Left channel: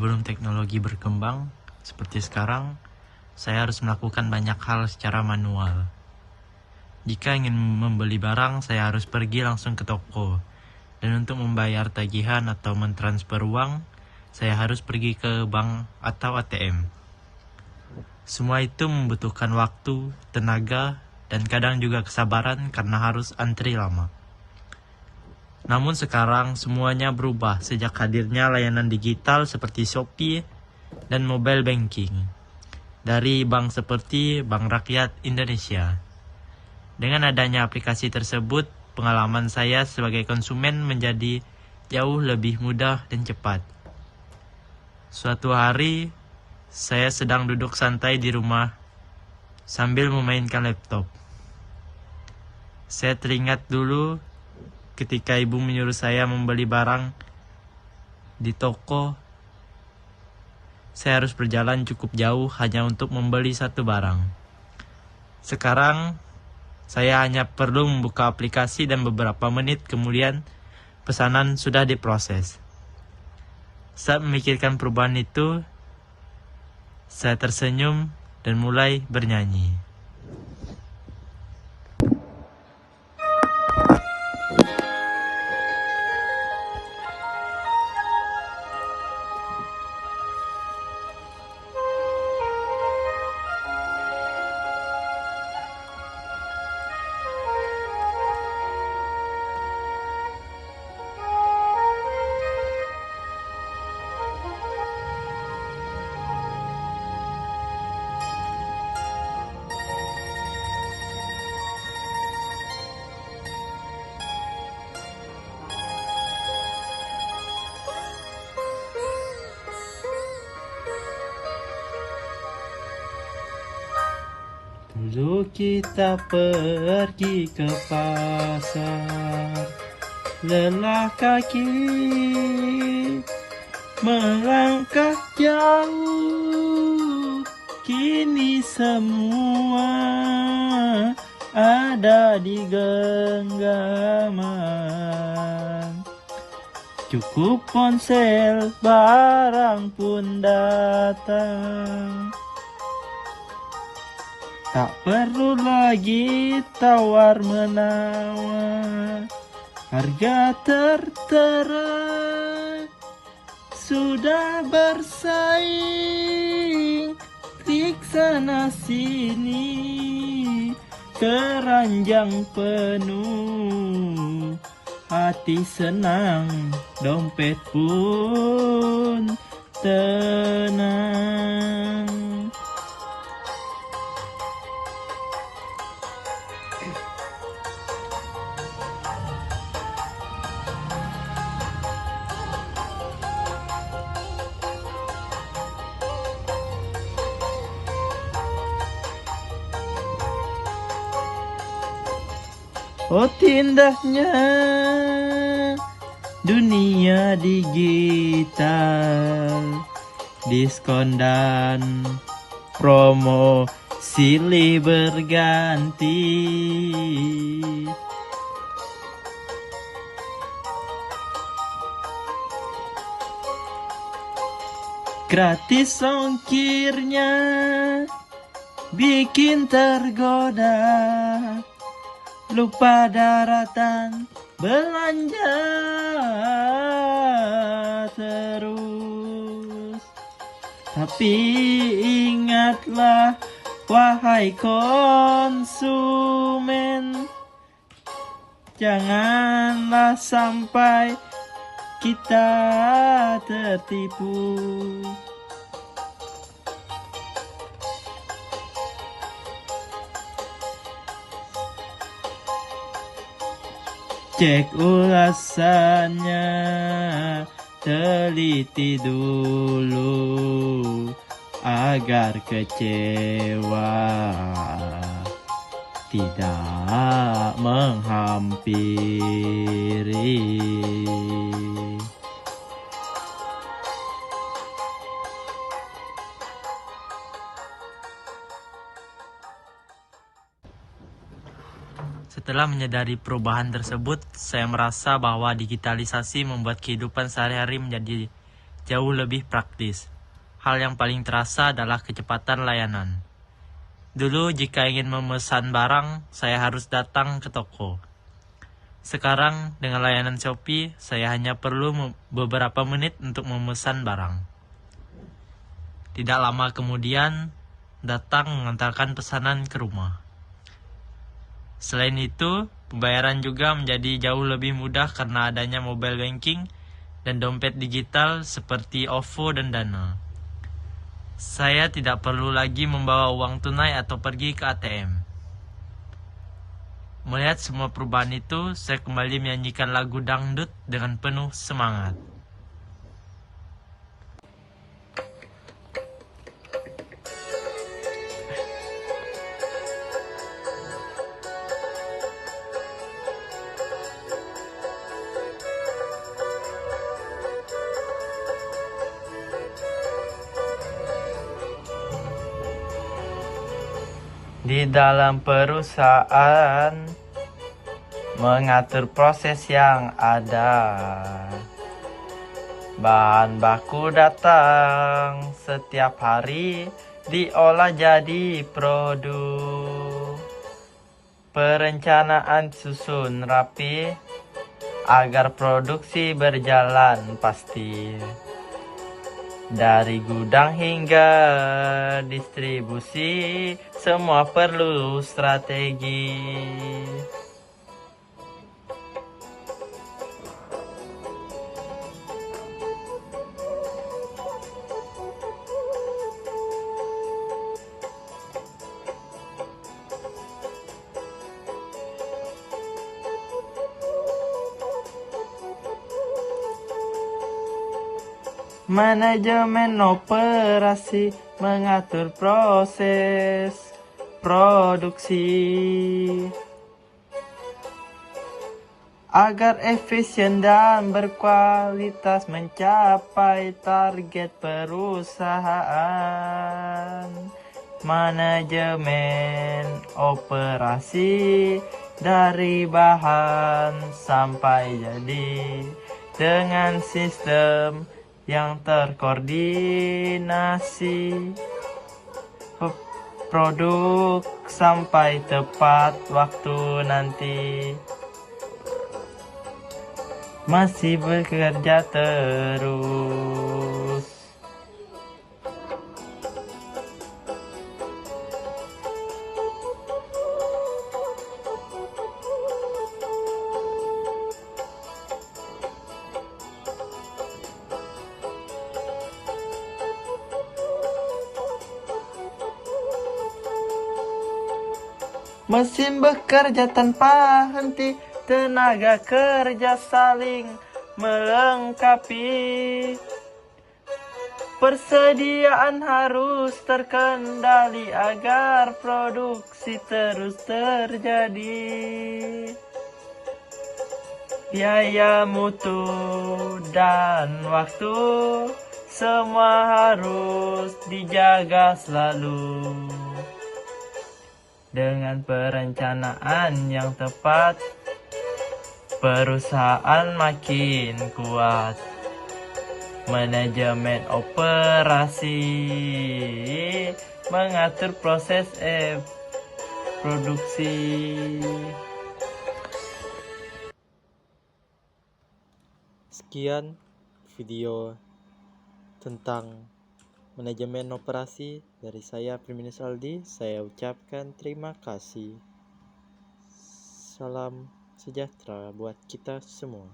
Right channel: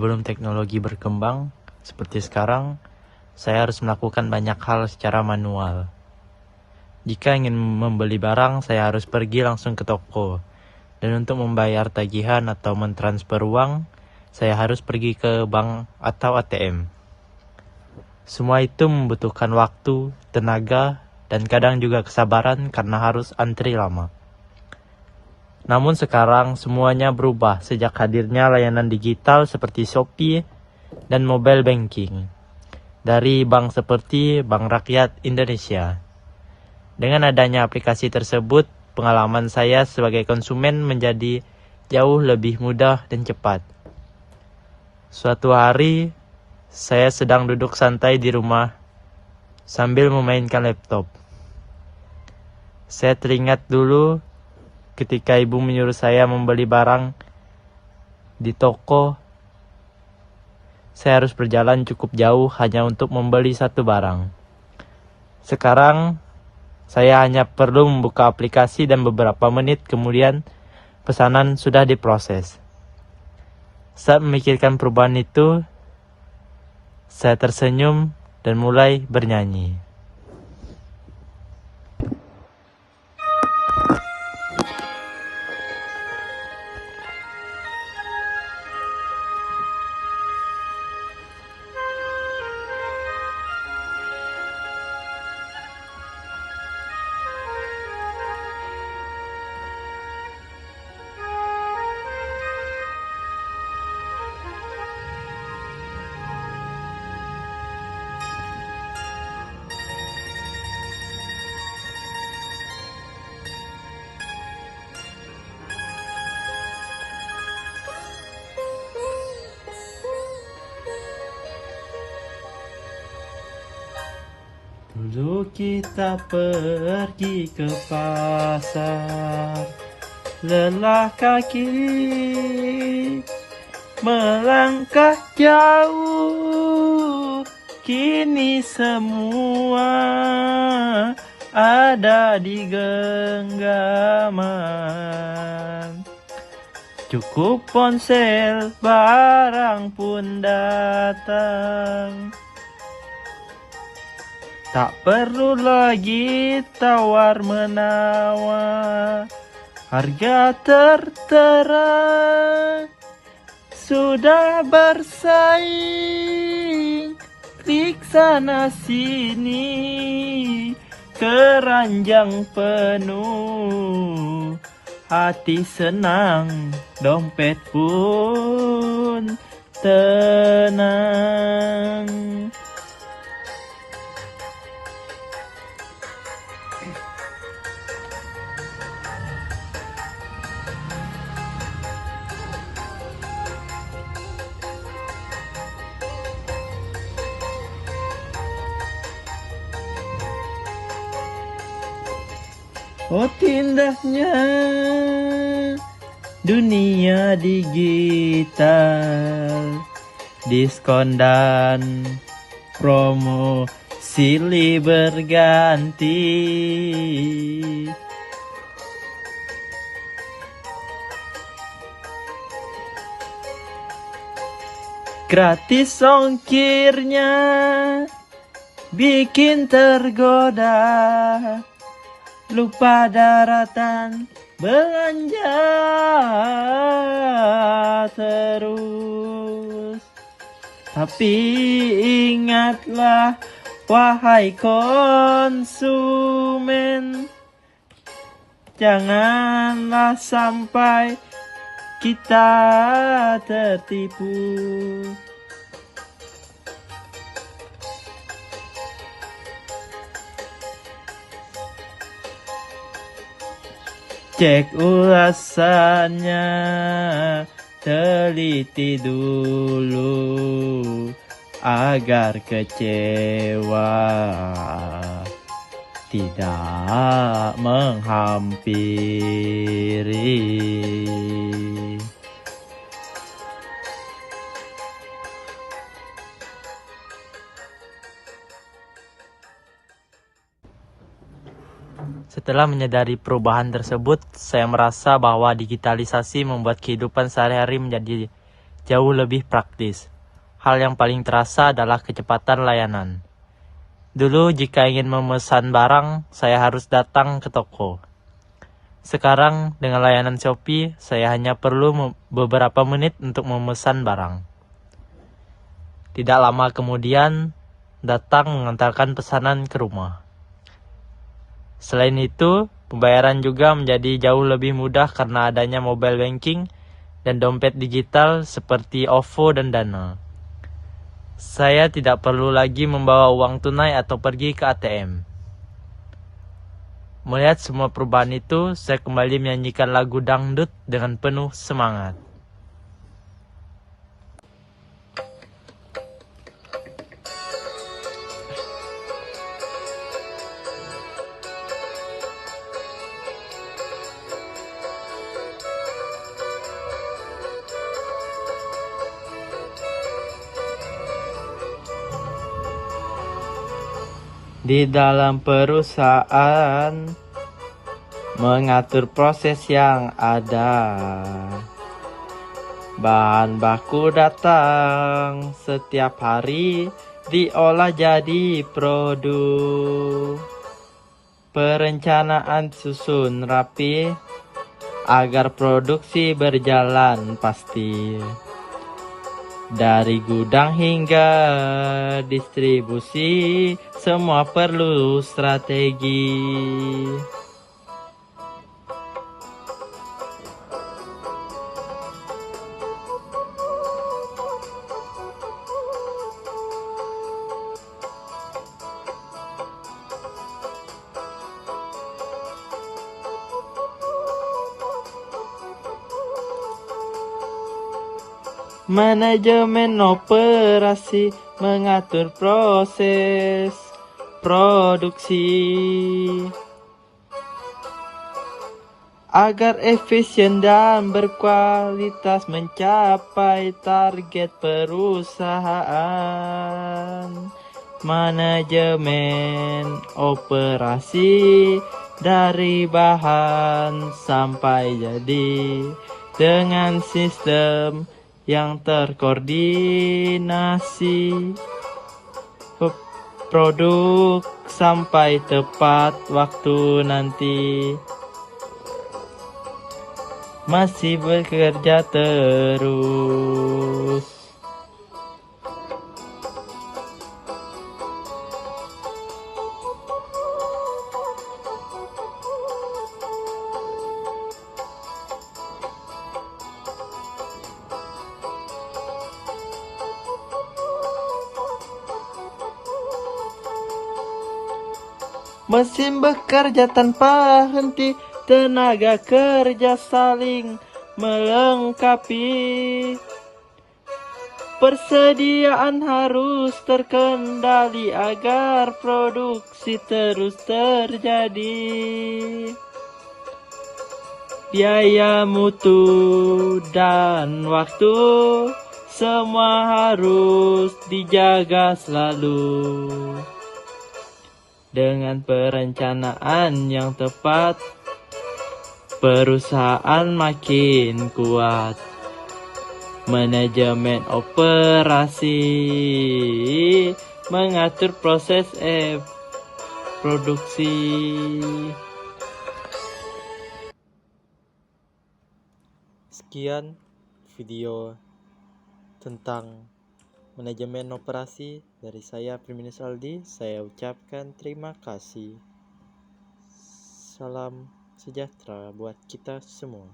Sebelum teknologi berkembang seperti sekarang, saya harus melakukan banyak hal secara manual. Jika ingin membeli barang, saya harus pergi langsung ke toko. Dan untuk membayar tagihan atau mentransfer uang, saya harus pergi ke bank atau ATM. Semua itu membutuhkan waktu, tenaga, dan kadang juga kesabaran karena harus antri lama. Namun sekarang semuanya berubah sejak hadirnya layanan digital seperti Shopee dan mobile banking dari bank seperti Bank Rakyat Indonesia. Dengan adanya aplikasi tersebut, pengalaman saya sebagai konsumen menjadi jauh lebih mudah dan cepat. Suatu hari, saya sedang duduk santai di rumah sambil memainkan laptop. Saya teringat dulu ketika ibu menyuruh saya membeli barang di toko. Saya harus berjalan cukup jauh hanya untuk membeli satu barang. Sekarang, saya hanya perlu membuka aplikasi dan beberapa menit kemudian pesanan sudah diproses. Saat memikirkan perubahan itu, saya tersenyum dan mulai bernyanyi. Dulu kita pergi ke pasar, lelah kaki melangkah jauh. Kini semua ada di genggaman. Cukup ponsel, barang pun datang. Tak perlu lagi tawar-menawar, harga tertera sudah bersaing. Klik sana sini, keranjang penuh, hati senang, dompet pun tenang. Oh, indahnya dunia digital, diskon dan promo silih berganti. Gratis ongkirnya bikin tergoda, lupa daratan, belanja terus. Tapi ingatlah, wahai konsumen, janganlah sampai kita tertipu. Cek ulasannya, teliti dulu agar kecewa tidak menghampiri. Setelah menyadari perubahan tersebut, saya merasa bahwa digitalisasi membuat kehidupan sehari-hari menjadi jauh lebih praktis. Hal yang paling terasa adalah kecepatan layanan. Dulu jika ingin memesan barang, saya harus datang ke toko. Sekarang dengan layanan Shopee, saya hanya perlu beberapa menit untuk memesan barang. Tidak lama kemudian, datang mengantarkan pesanan ke rumah. Selain itu, pembayaran juga menjadi jauh lebih mudah karena adanya mobile banking dan dompet digital seperti OVO dan Dana. Saya tidak perlu lagi membawa uang tunai atau pergi ke ATM. Melihat semua perubahan itu, saya kembali menyanyikan lagu dangdut dengan penuh semangat. Di dalam perusahaan, mengatur proses yang ada. Bahan baku datang setiap hari, diolah jadi produk. Perencanaan susun rapi, agar produksi berjalan pasti. Dari gudang hingga distribusi, semua perlu strategi. Manajemen operasi mengatur proses produksi agar efisien dan berkualitas mencapai target perusahaan. Manajemen operasi dari bahan sampai jadi dengan sistem yang terkoordinasi, produk sampai tepat waktu nanti. Masih bekerja terus. Mesin bekerja tanpa henti, tenaga kerja saling melengkapi. Persediaan harus terkendali agar produksi terus terjadi. Biaya, mutu, dan waktu semua harus dijaga selalu. Dengan perencanaan yang tepat, perusahaan makin kuat. Manajemen operasi mengatur proses produksi. Sekian video tentang manajemen operasi dari saya, Priminus Aldi. Saya ucapkan terima kasih. Salam sejahtera buat kita semua.